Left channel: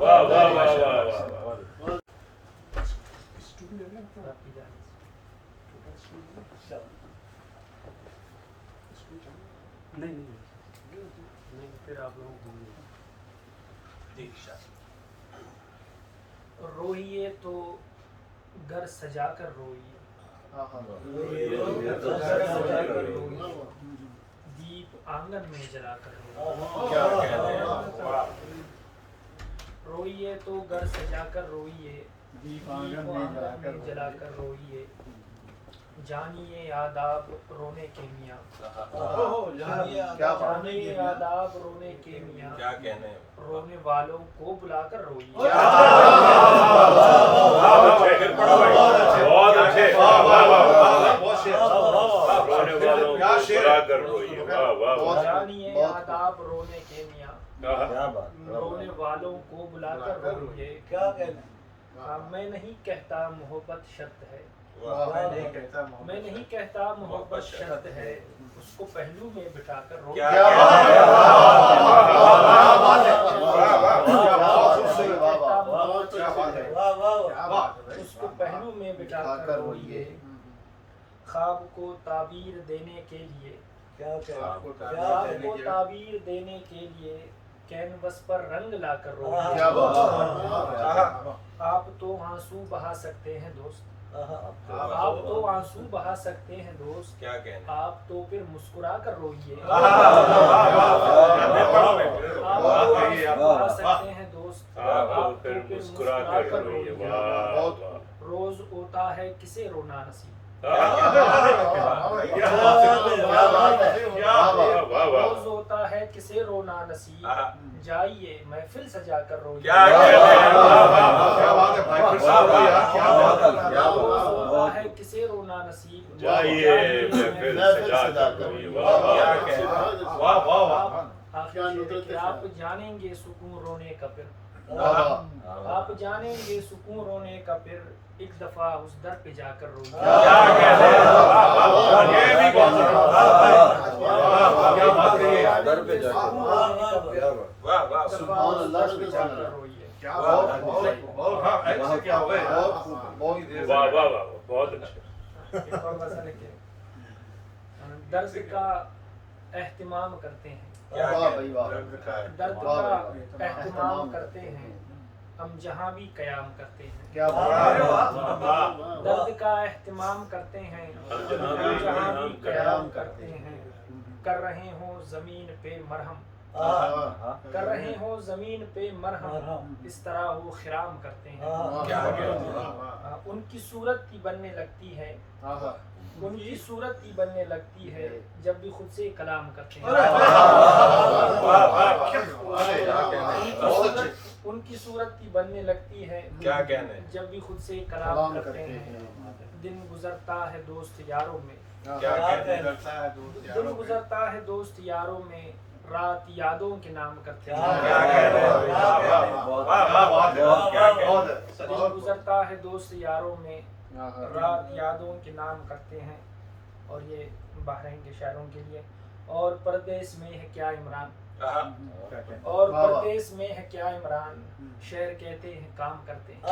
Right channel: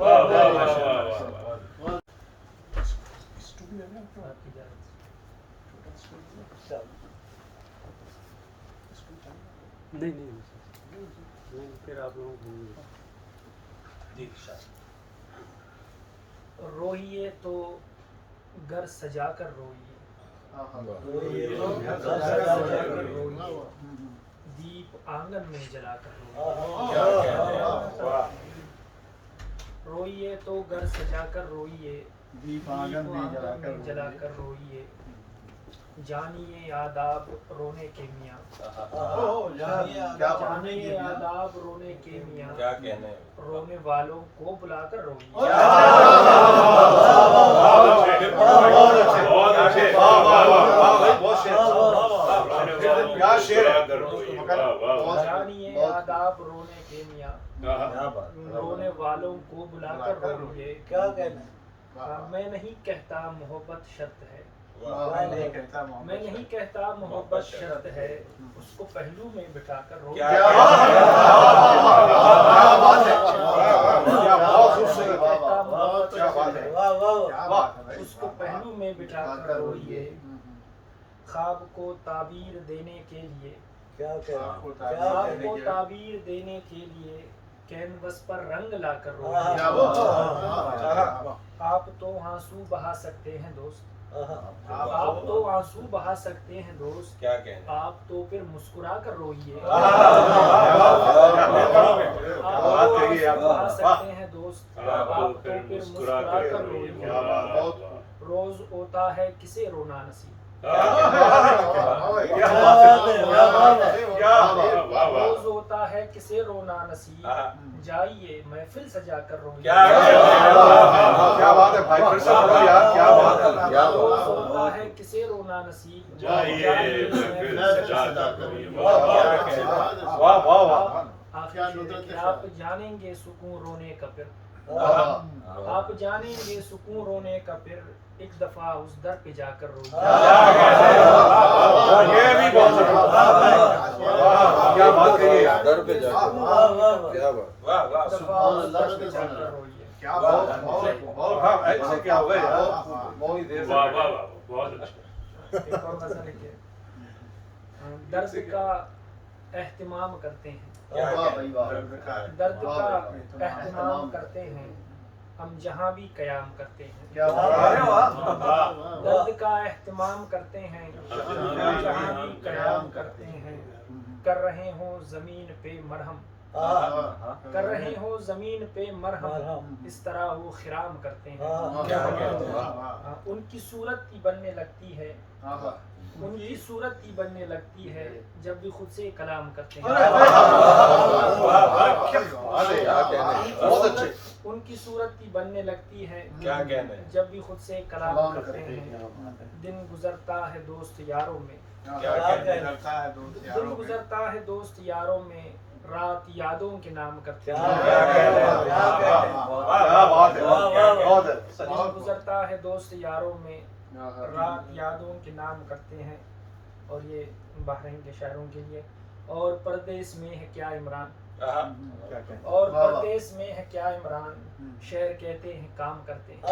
واہ واہ واہ واہ واہ۔ نہیں پھر آپ روئیے تو گھر سجا کر روئیے، دیپ آنگن میں جلا کر روئیے، روئیے تو گھر سجا کر روئیے، دیپ آنگن میں جلا کر روئیے، جانیے آداب رونے کے میاں، جانیے آداب رونے کے میاں، رونے والوں کو بلا کر روئیے۔ بہت اچھے، جانیے آداب رونے کے میاں، رونے والوں کو بلا کر روئیے۔ میں نہیں کہتا محبت شرط ہے، میں نہیں کہتا محبت شرط ہے، اس کو پہلو میں بٹھا کر روئیے، اس کو پہلو میں بٹھا کر روئیے۔ خواب کو تعبیر دینے کے لیے، خواب کو تعبیر دینے کے لیے کینوس پر رنگ لا کر روئیے۔ آپ تو آنسو بہا سکتے ہیں دوست، آپ تو آنسو بہا سکتے ہیں دوست، آپ تو پھر مسکرا کر روئیے۔ آپ تو آنسو بہا سکتے ہیں دوست، آپ تو پھر مسکرا کر روئیے۔ روز ہوتا ہے کسے رونا نصیب، روز ہوتا ہے کسے رونا نصیب، جائیے محفل سجا کر روئیے۔ روز ہوتا ہے کسے رونا نصیب، جائیے محفل سجا کر روئیے۔ آپ جانیں گے سکون رونے کا پھر، آپ جانیں گے سکون رونے کا پھر، ایک دفعہ اس در پہ جا کر روئیے۔ درد کا اہتمام کرتے ہیں، درد کا اہتمام کرتے ہیں، ہم جہاں بھی قیام کرتے ہیں، درد کا اہتمام کرتے ہیں، ہم جہاں بھی قیام کرتے ہیں، کر رہے ہوں زمین پہ مرہم، کر رہے ہوں زمین پہ مرہم، اس طرح وہ خرام کرتے ہیں۔ ان کی صورت ہی بننے لگتی ہے، ان کی صورت ہی بننے لگتی ہے، جب بھی خود سے کلام کرتے ہیں۔ ان کی صورت ہی بننے لگتی ہے، جب بھی خود سے کلام کرتے ہیں۔ دن گزرتا ہے دوست یاروں میں، دن گزرتا ہے دوست یاروں میں، رات یادوں کے نام کرتے ہیں۔ دن گزرتا ہے دوست یاروں میں، رات یادوں کے نام کرتے ہیں۔ اور یہ بحرین کے شاعروں کے لیے۔ اور پردیس میں ہے کیا عمران، اور پردیس میں ہے کیا عمران، شعر کہتے ہیں کام کرتے ہیں۔